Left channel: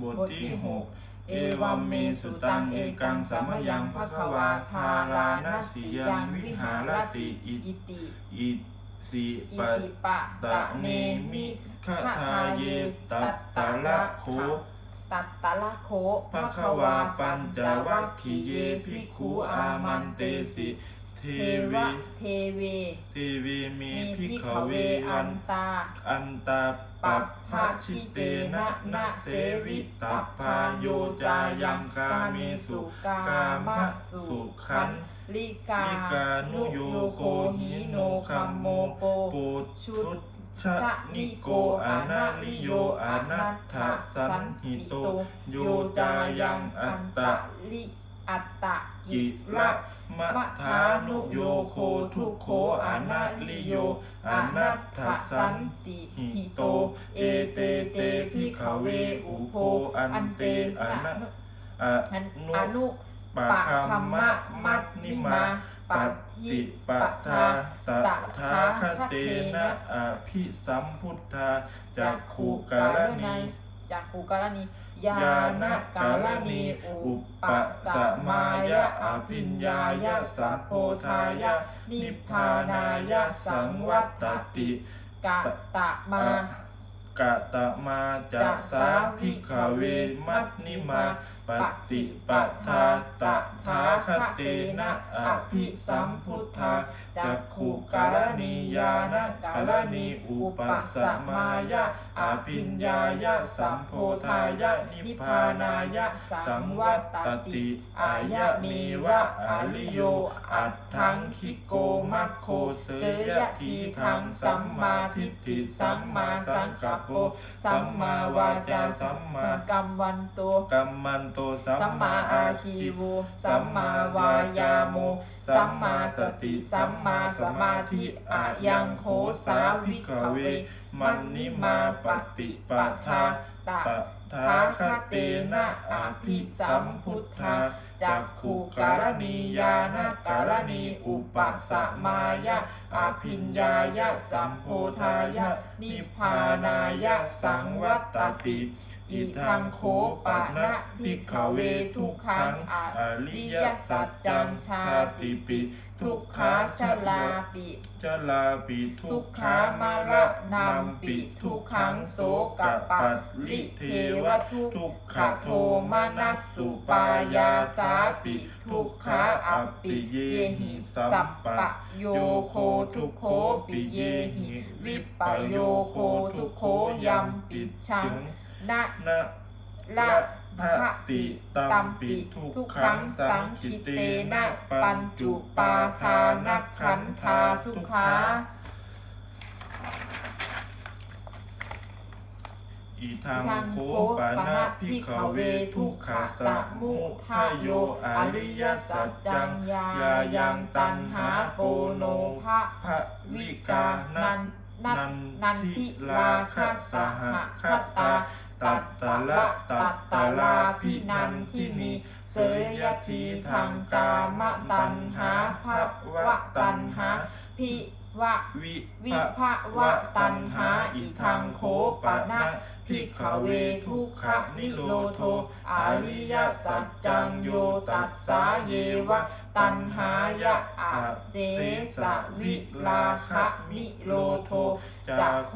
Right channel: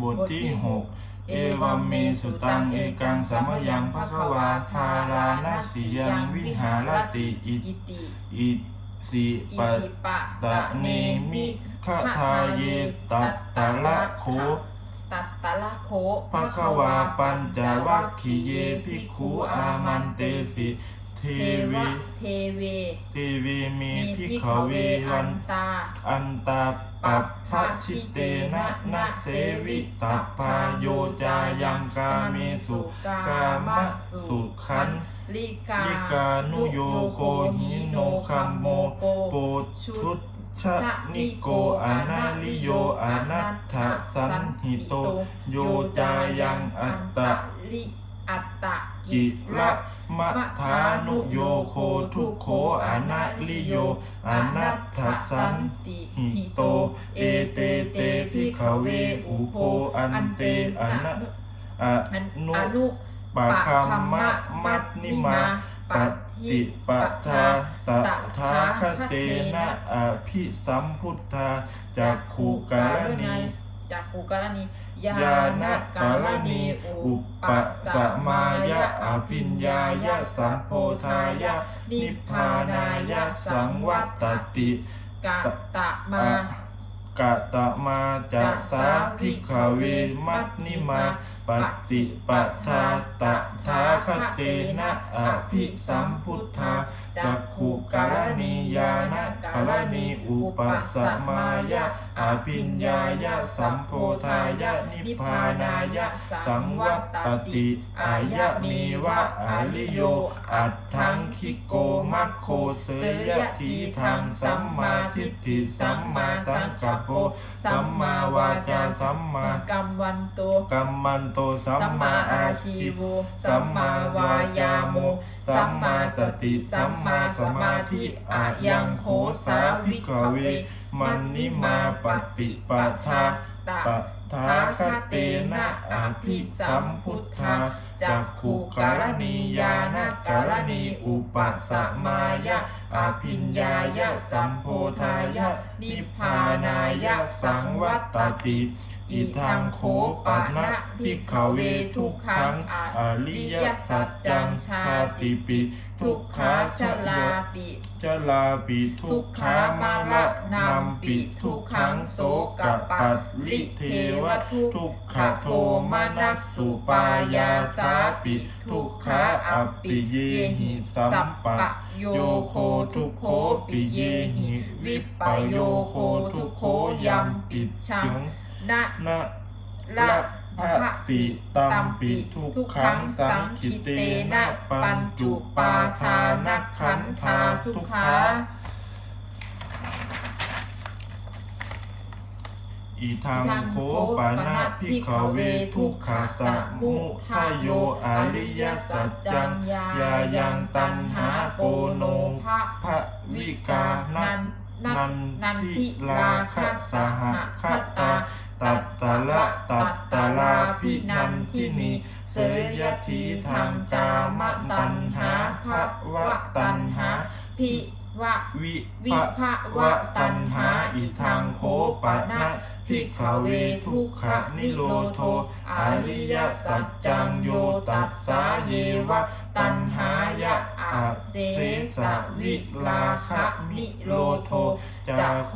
บทที่หกเอวัมเมสุตังเอกังสมยังภควาพาลานัสสิยังวิหารติอิอิติอิสิอิปะสิปะตะเนมิขทาเยตัตตะละโคตัตตะละโคภควาปัญจวัคคีเยภิกขุอามันเตสิเทเทวีวะเทเวเทเวเมมีภิพิกขขเวเววัอันนตา อันตาปัปพะชิเตนะนะเสวิตัปปาโยจายังกาเมสุกามะสุขันลิกาลิกานุโยโคหิโนคัมโมโปชุดชะนิโกอนาลิโยอนัตถสันหิโต โยจายังอัตตะลิ อัตตะกิละมะทานุโยโคทุโขอนาลิโยอนัตถสันติหิโต เอเตเตพิขเวอุโพอันเตอนะอนุปะคัมมะมัตนิมาปฏิปทาตถาคเตนะอภิสัมพุทธาจักขุกาลนีจากขุกาลนี ญาณกาลนีอุปสมายะอภิญญายะสัมโพธายะนิพพานายะสังวัตติกะตะมาอะกะตะมาจะสาภิกขเวมัตนิมา ปฏิปทาตถาคเตนะอภิสัมพุทธาจักขุกาลนียานกาลนีอุปสมายะอภิญญายะสัมโพธายะนิพพานายะสังวัตติอายะเมวะอาลิโย อัตถังคิโกมัคโคเสยทีทังสัมมาทิฏฐิสัมมาสังกัปโปสัมมาวาจาสัมมากัมวันโตกัมมันโตสัมสัมมาอาชีวโวสัมมาวายาโม สัมมาสติ สัมมาสมาธิอายังโขสาวิกเว มันนิมาปฏิปทาตะตถาคเตนะอภิสัมพุทธาจักขุกาลนียานกาลนีอุปสมายะอภิญญายะสัมโพธายะนิพพานายะสังวัตติ อิทังโคปะนะภิกขเวทุกขังอริยสัจจังชาติปิทุกขาชลาปิจลาปิทุกขามะละนัมปิทุกขังโสกะปัตลิเทวะทุกขโทมนัสสุปายาสาปิทุกขาอัปปิเยหิสัมปะโยโคทุกโคปิเยหิวิปโยโคทุกโคยัมปิชัง นะนะละละภะติตัมปิทุกขังสังคิเตนะปัญจุปาทานักขันธาทุกขาอีทางโคปานะพิขเวทุกขาสะมุทายโยอริยสัจจังยายังตันหาโปโนภะภะวิกานันนันนันทิทิลาลาคคัสสหหคัตตา ตัตตะละตัตตะลาพินันทินีเสยทีทางกามตัณหาภวะตัณหาพิวะวิวิภะวะตัตัณหาอิทังโคปะปะนะนะพิพิขเวเวทุกขขนิโรโทอริยสัจจังโยตัสสาเยวะตัตัณหายะอาเสสสสะวิลาคะคะมิโลโทจาจะโค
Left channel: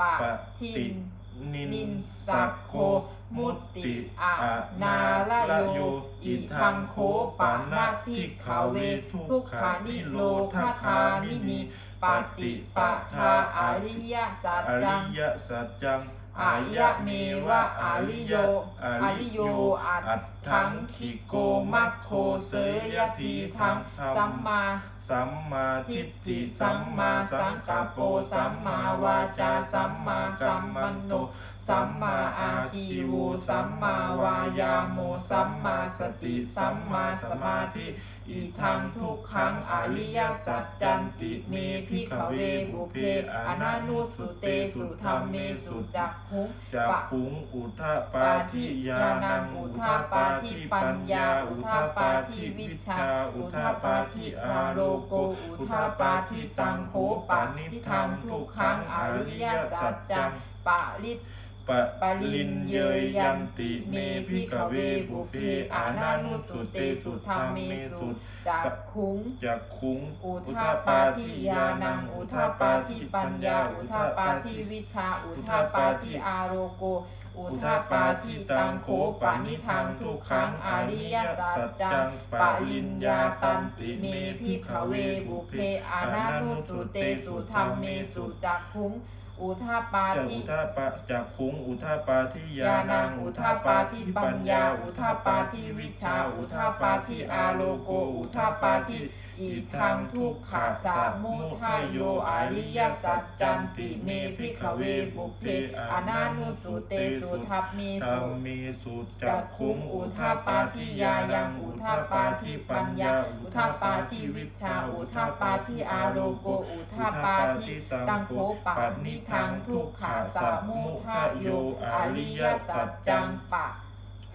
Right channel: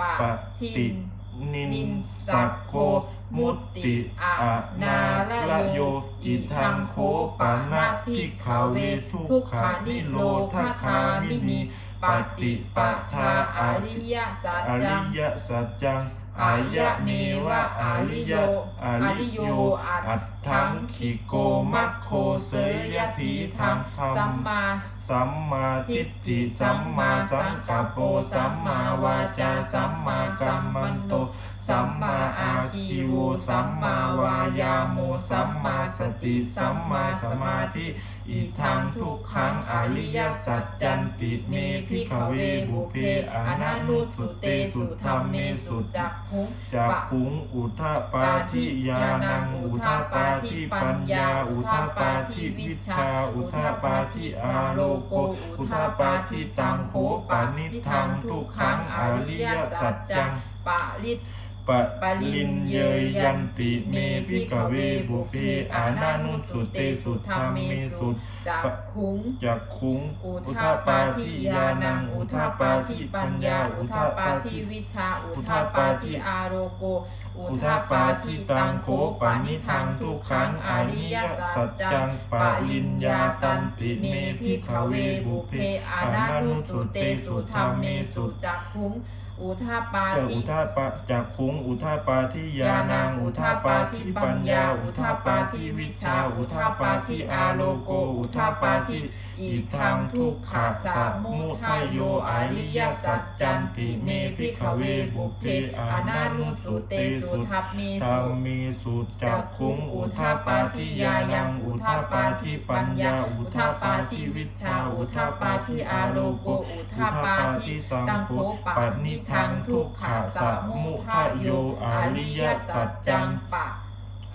ปะติทิน นินสักโค มุตติอะนาละโย อิทังโคปานาพิกขาเวทุกขานิโรธคามินีปฏิปทาอริยสัจจั อายะเมวะอริยอริโยอัตถังขิโกมัคโคเสยทีทังธรรสัมมมาสัมมาทิฏฐิสัมมาสังกัปโปสัมมาวาจาสัมมากัมมันโต สัมมาอาชีโวสัมมาวายาโมสัมมาสติสัมมาสมาธิอีทังทุกขังอริยสัจจันติเมพิขเวบุเพอนันุสุเตสุธรรมเมสุจักขุงจากขุงอุทาปาทิยานังอุทาปาทิปัญญา อุทาปาทิวิชา อุทาปาทิอาโลโก อุทาปาทิตังโขปานิทังทุกขังอริยสัจจังปาริต ปะลินเยยยันติเมพิกเวบุเพอานานุสุเตสุธรรมเมสุจักขุงจักคุ้งอุทาทาปาทิยานังอุทาทาปาทิปัญญา อุทาทาปาทิวิชา อุทาทาปาทิอาโรโก อุทาปาทิตังโคปานิทังทุกขังอริยสัจจังปะลินยาตันติเมพิขเวบุเพอานานุสุเตสุธรรมเมสุจักขุง อุทาปาจะทิอุทาปาจักคุงอุทาปาทิยานังอุทาปาทิปัญญา อุทาปาทิวิชา อุทาปาทิอาโลโก อุทาปาทิ อิทังทุกขะสมุทัยโยอริยสัจจันติเมพิขเวบุเพอนานุสุเตสุทัพมีธรธรรรมมมีสุจักคุงอุทาปาทิยายังอุทาปาทิปัญญาอุทาปาทิวิชาอุทาปาทิอาโลโกอุทาปาทิตังโคปันิทังทุกขะสมุทัยโยอริยสัจจังปะ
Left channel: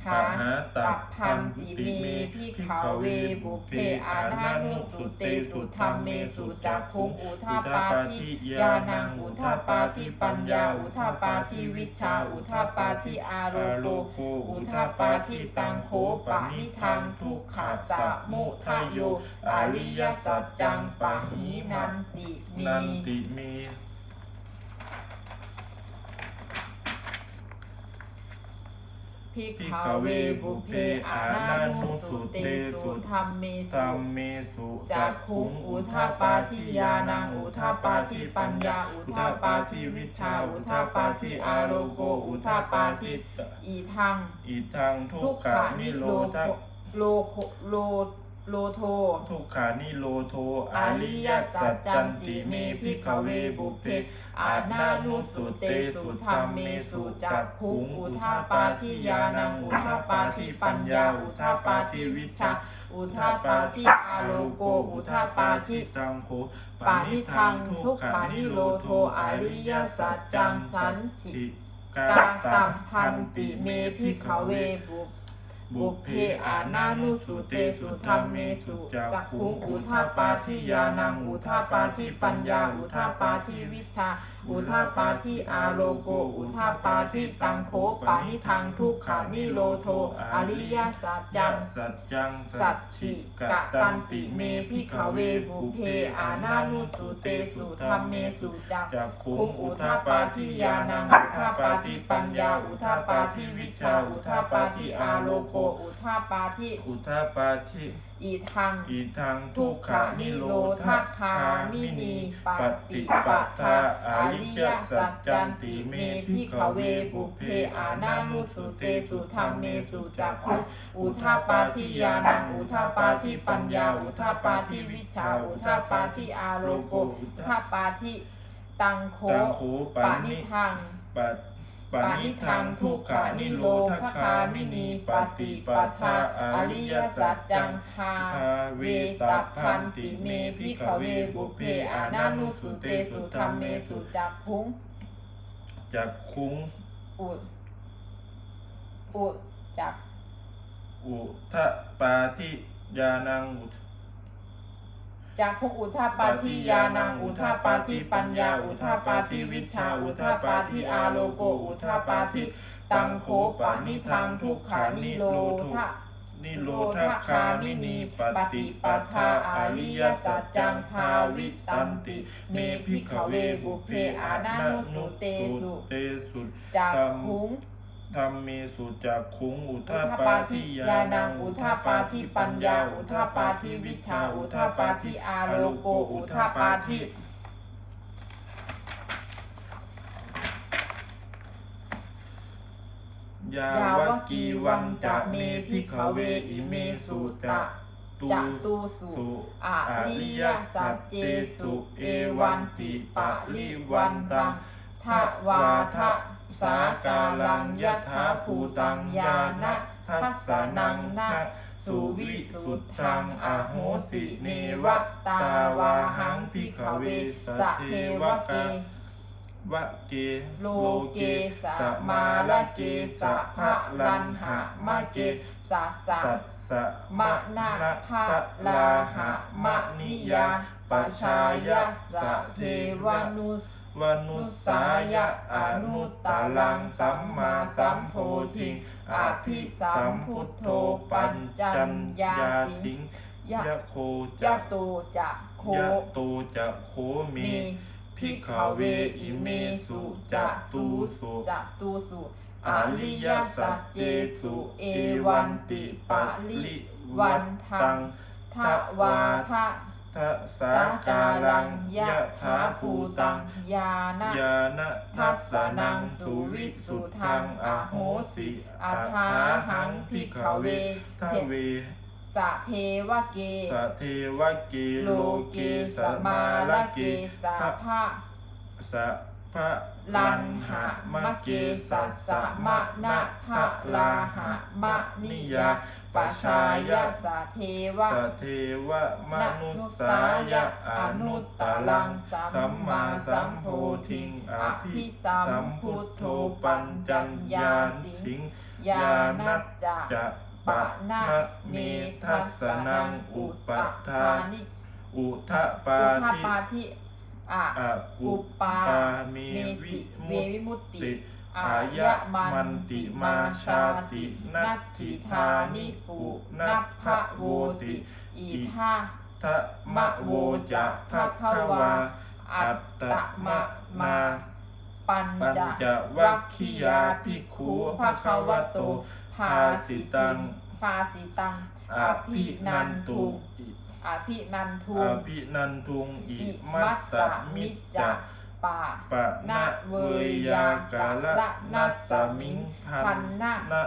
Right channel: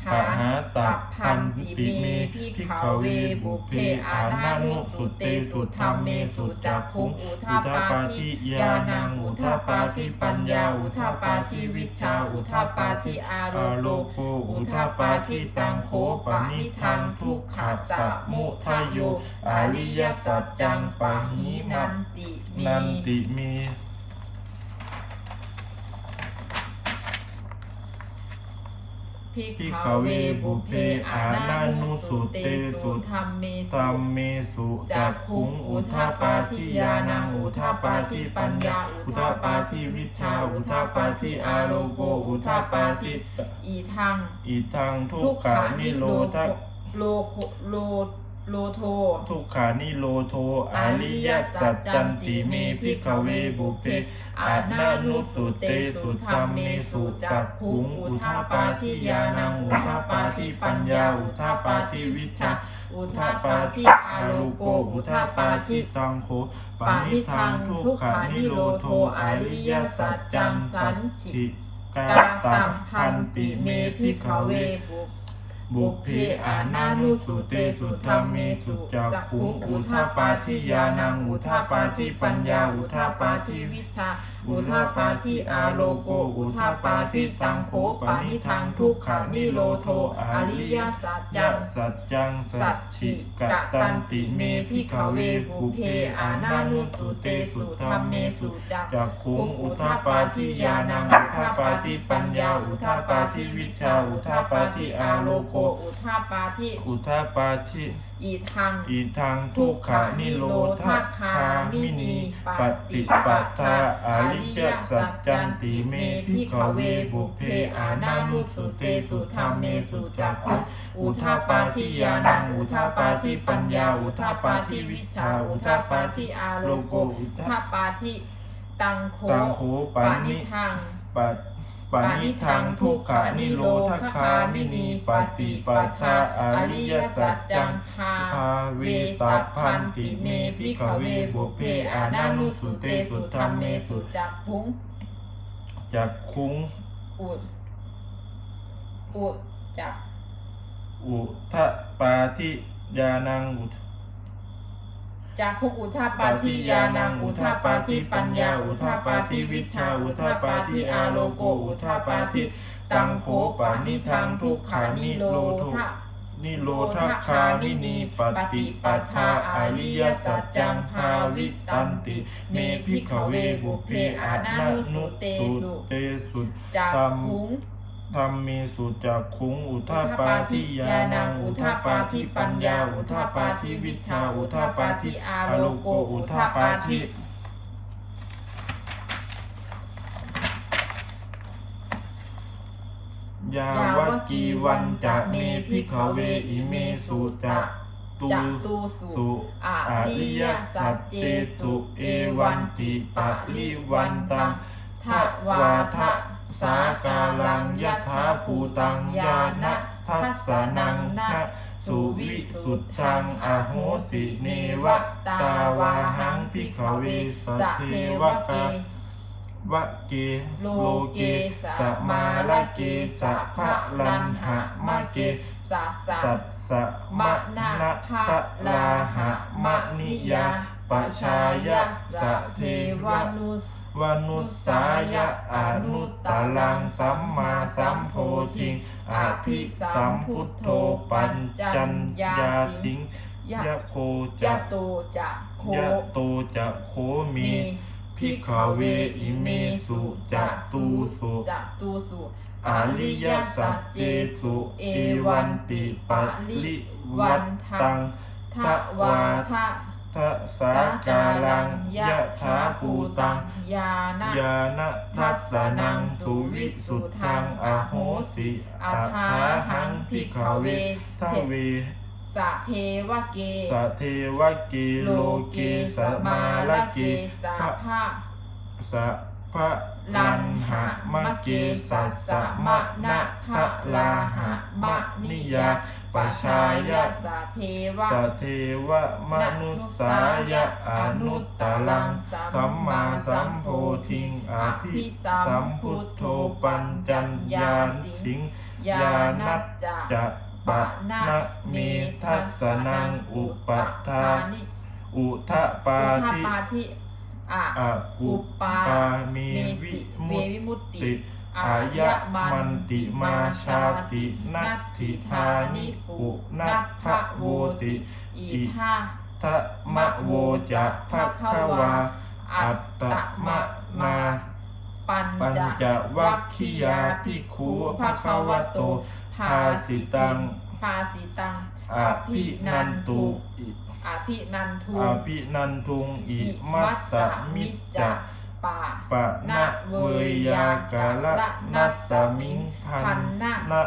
หาตับพันติเมพิขเวบุเพอานานุสุเตสุธรรมเมสุจักคุงอุทาปาทิยานังอุทาปาทิปัญญาอุทาปาทิวิชาอุทาปาทิอาโลอาโลโกอุทาปาทิตังโคปานิทังทุกขะสะมุทัยโยอริยสัจจังปะหิมันันนตินันติมี พิพิขขเวบุเพอานานุสุเตเตสุธรรมเมสุมเมสุจักขุคุงอุทาทาปาปาทิยานังอุทาทาปาปาทิปัญญาอุทาทาปาปาทิวิชาอุทาทาปาปาทิอาโลโกอุทาทาปาปาทิอีทังอิทังทุกขานิโลโลทัโลโลโลโท ทุกขานิโลโท อริยสัจจันติเมพิขเวบุเพ อานานุสุเตสุธรรมเมสุจักขุงอุทาปาทิยานังอุทาปาทิปัญญาอุทาปาทิวิชาอุทาปาทิอาโลโกอุทาปาทิตังโคปานิทังทุกขานิโลโทอริยสัจจังสันฉิกาตัตัมพันติเมพิขเวเว บุพเพอานานุสุเตสุธรรมเมสุจักขุงอุทาปาทิยานังอุทาปาทิปัญญาอุทาปาทิวิวิชา อุทาปาทิอาโลโก อุทาปาทิตังโคปานิทังทุกขานิโลโทอริยสัจจังสัจจังสัจฉิฉิกกะตัตันติเมพิขเวบุเพเพอานานุสุเตสุธรรมเมเมสุจักขุงอุทาปาทิยานังอุอุทาปาทิปัญญาอุทาปาทิวิชาอุทาปาทิอาโลโกอุทาปาทิอุทาปาทิอีทัง อีทังทุกขานิโรธคามินีปฏิปัฏฐาอริยสัจจันติเมพิขเวบุเพอานานุสุเตสุธรรมเมสุจักขุอุทาปาทิยานังอุทาปาทิปัญญาอุทาปาทิวิชาอุทาปาทิอาโลโกอุอุทาทาปาทิตังโคตังโคปาปานินิทังปัต ปานิทังทุกขานิโรธคามินีปฏิปัฏฐาอริยสัจจังพาภาเวตัพันติเมพิขเวบุเพอานานุสุเตสุธรรมเมสุจักพุงจักคุ้งอุดอุดจักอุทะปาทิยานังอุท จักพุงอุทาปาทิยานังอุทาปาทิปัญญาอุทาปาทิวิชาอุทาปาทิอาโลโกอุทาปาทิตังโคปานิทังทุกขานิโลทะนิโรธคามินีปฏิปัฏฐาอริยสัจจังภาวิตันติ เมพิขเวบุเพอานานุสุเตสุจักพุง ธรรมเมสุจักขุงอุทาปาทิยานังอุทาปาทิปัญญา อุทาปาทิวิชา อุทาปาทิอาโลโกอุทาปาทิยาวกีวันจะเมพิขเวอิเมสุจะตูจักตูสุสุออริยสัจจเจสุ เอวันติปะริวันตังทวาทะทะ สากาลังยะถาภูตังยานะทัสสนังนะสุวิสุทธังอโหสิเนวะตาวาหังพิขขเวเวสสเทเทววเกกะวะเกโลเกสสมามาลเกสะพะลันหะมะเกสะสะสัสสะมะมะนะนะภะพะลาลาหะมะนิยาปชายะชาสะเทววะนุส วนุสสายะอนุตตลังสัมมาสัมโพธิงอภิสัมพุทโธปัญจัญญาสิงยะยะโคยะจะโตจะโคยะโตจะโคมีมีพิกขเวอิเมสุจะตูสุจะตูสุอริยสัจเจสุเอวันติปะลิวันตังทะวาทะ ทัสสาการังยะถาภูตัง ยานะยานะทัสสนังสุวิสุทธังอโหสิอัฏฐาหังพิกขเวทเวสะเทวะเกสะเทวะเกโลเกสมาลเกสะพระพะสะพะลันหะมะเกสัสสะมะนะพะลาหะมะนิยาปชายะสะเทวะสะเทวะมนุสสายะอนุตตลัง สัมมาสัมโพธิงอภิสัมพุทโธปัญจัญญาสิงยานัจจะปะนะเมทัสสนังอุปทานิอุทะปาอุททิปาทิ อะอากุปามีวิเมมุตวิมุตติติอายะมันติมาชาตินัตถิธานิปุนัพพะโวติอีทาทะมะโวจะภะคะวา อัตตมะนาปัญปัญจจวัคคียาภิกขุภะคะวะโตภาสิตังภาสิตังอภินันตุ อิอภินันทุอภินันทุงอิมัสสมิจจะปะปะนะเวยากาละนัสสมิงพันนะมา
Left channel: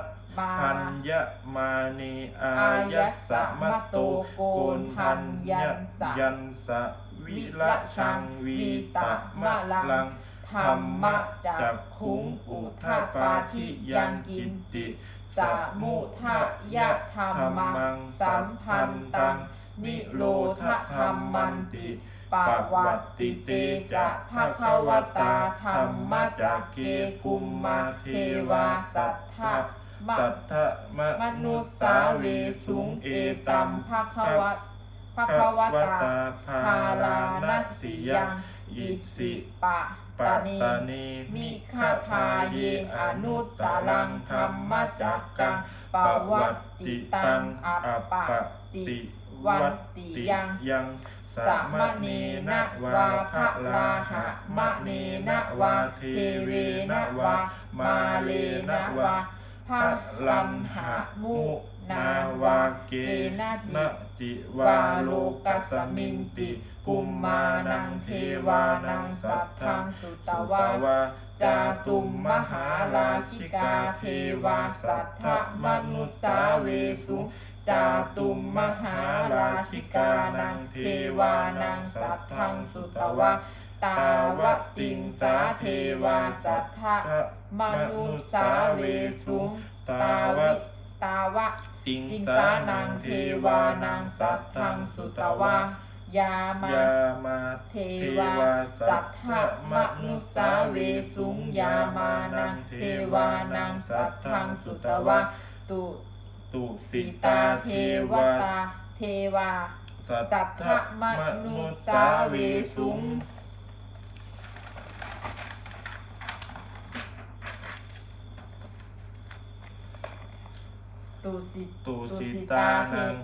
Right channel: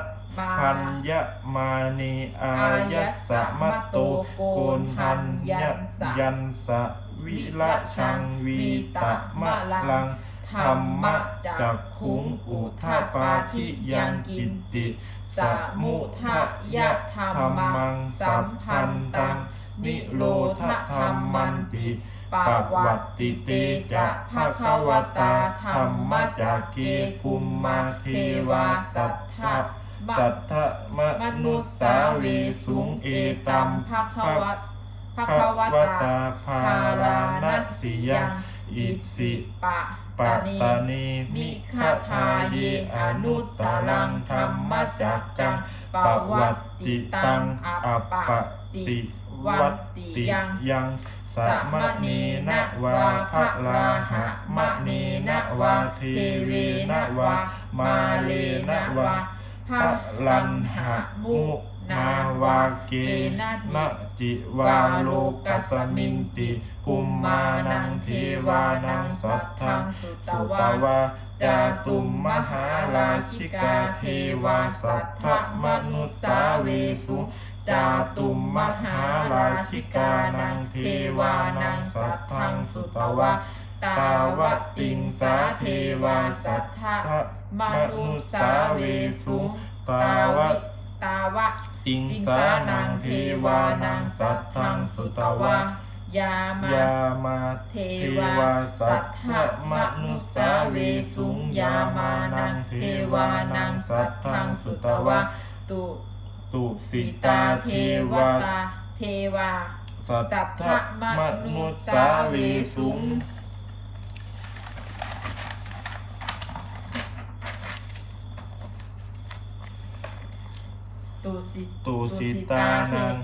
พันยะมานีอายัสสะมะโตโกนทันยะยันสะวิละชังวีตะมะลังธรรมะจักขุงอุทาปาทิยังกินจิ สมุทะยะธรรมังสัมพันตัง นิโรธธรรมันติปวัตติเตจะภะคะวตาธรรมจักเกภูมิมาเทวาสัทธะสัทธะมนุสสาวเวสุงเอตัมภะคะวะวะภะคะวตาภารารานัสสิยังอิสิปะ ปัตาตนีตานีมิมิคาคาทาเยเยอนุตตตตรังธรรมจักกังปวัตติตังอัปปติวัตติยังยังสะมะเนนวาภะลาหะมะเนนะวาเทเวนวามาเลนวาภะลันหะมุ นาวาเกนะจิวาโลกัสมินติกุมมานังเทวานังสัทธังสุตตวาวาจาตุมมหาราชิกาเทวาสัทธมนุสาเวสุจาตุมมหาราชิกานังเทวานังสัทธังสุตวาตาวติงสาเทวาสัทธมนุสาเวสุตาวตาวะ ติงสาสานังเทวาวานังสัสัททธัธังสุตตวาวายามายามาเทวาสัทธมนุสสาเวสุงยามานังเทวานังสัทธังสุตวาตุตุสิตาเทวาวาเทวาสัททธมนุสสาเวเวสุสุง ตุสิตุสิตานัง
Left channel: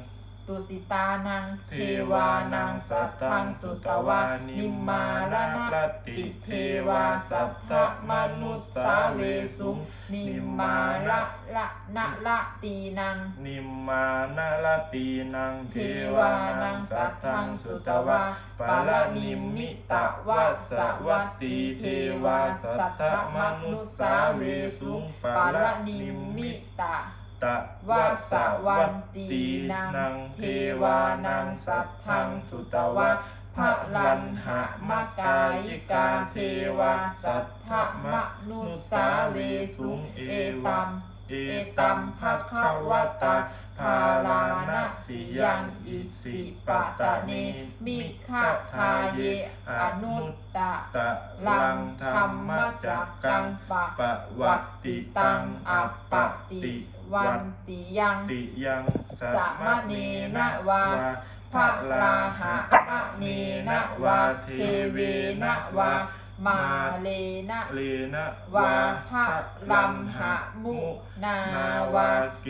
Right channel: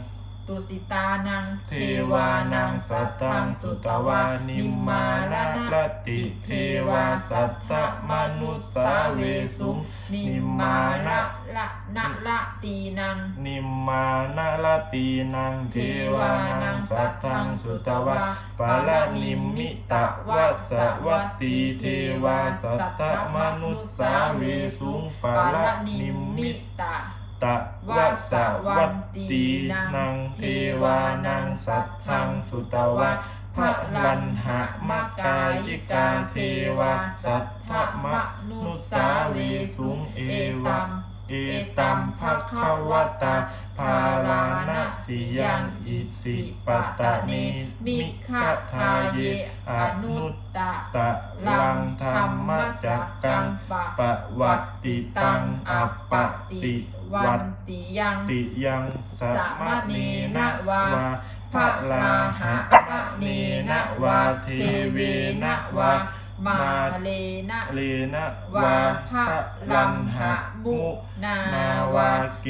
ตุสิตานัง เทวานังสัทธังสุตวานิมมานะลติเทวาสัทธมนุสสาเวสุงนิมมานะละนะละตีนัง นิมมานะลตีนัง เทวานังสัทธังสุตวาปาลนิมมิตะวัสสวัตตีเทวาสัทธมนุสสาเวสุงปาลนิมมิตะ ตะวัสสวัตตีนังเทวานังสัทธังสุตวาพระลันหะมะกายิกาเทวาสัทธมะนุสาเวสุงเอวะเอตัมภะคะวะตาภาลานะสิยังอิสิปตตานีมิขะทาเยอนุตตะตะลังธรรมจักกังปะวัตติตังอัปปติ วัวัตนติยังติยังสัมมเนนะวาวาพระลาหะมะเนนะวาเทเวนะวามาเลนะเลนะวาวาพะพะลันหะมุนาวาเก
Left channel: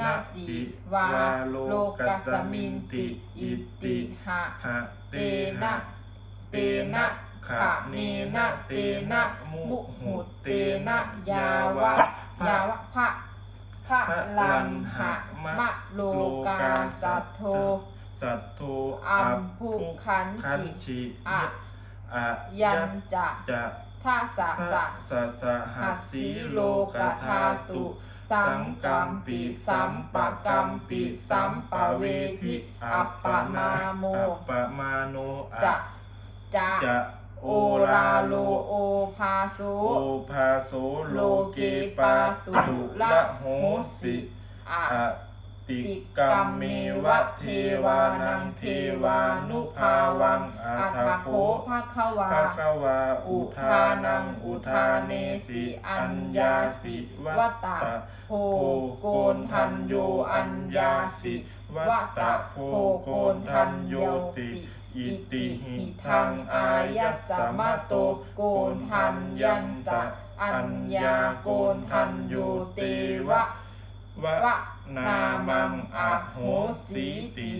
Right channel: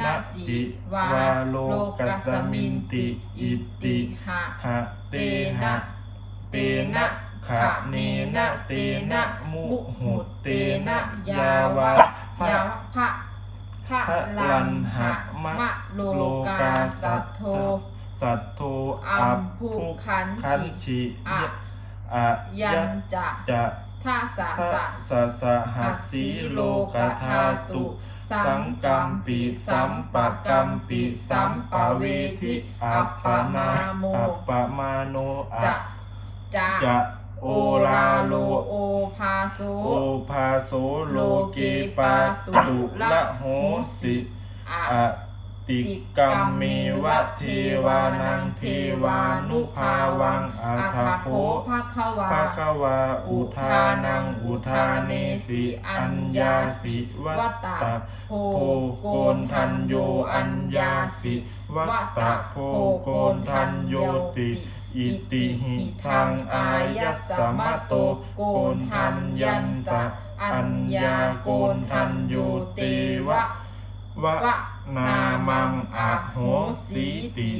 นะจิวาโลกักัสมิมินติอิติหะหะเตหะนะเตนะขะเนนะเตนะมุหุเตนะยาวาพะยาวพระ พระพะลัลันนหะหะมะมะโลโลกากาสัสัททโธโธสัทโธอัอัมมพุพุขันขันชิชิอะอะยันจะจะท่าสะทะสะสะสะหัสสีโลกธาตุสังกัมปิสัมปะกัมปิสัมปะเวทิอัปปมาอัปปมาโนอะจะจะจะ โอลาโลโอภาโสโอภาโสโลเกปาตุละโหสิอะอะติกัมเมวะเทวานังเทวานุภาวังอัอัททโคโคภะคะวาภะคะวาอุทานังอุทาเนสิอัญญาสิวัตตะโพโพโกนทันโยอัญญาสิวัตตะโพโกนทันโยติ อิติหิทังอายัสสมาโตโกนทันยันจะอัญญาโกนทันโยเตวะวะวะนามังอะโหสีติ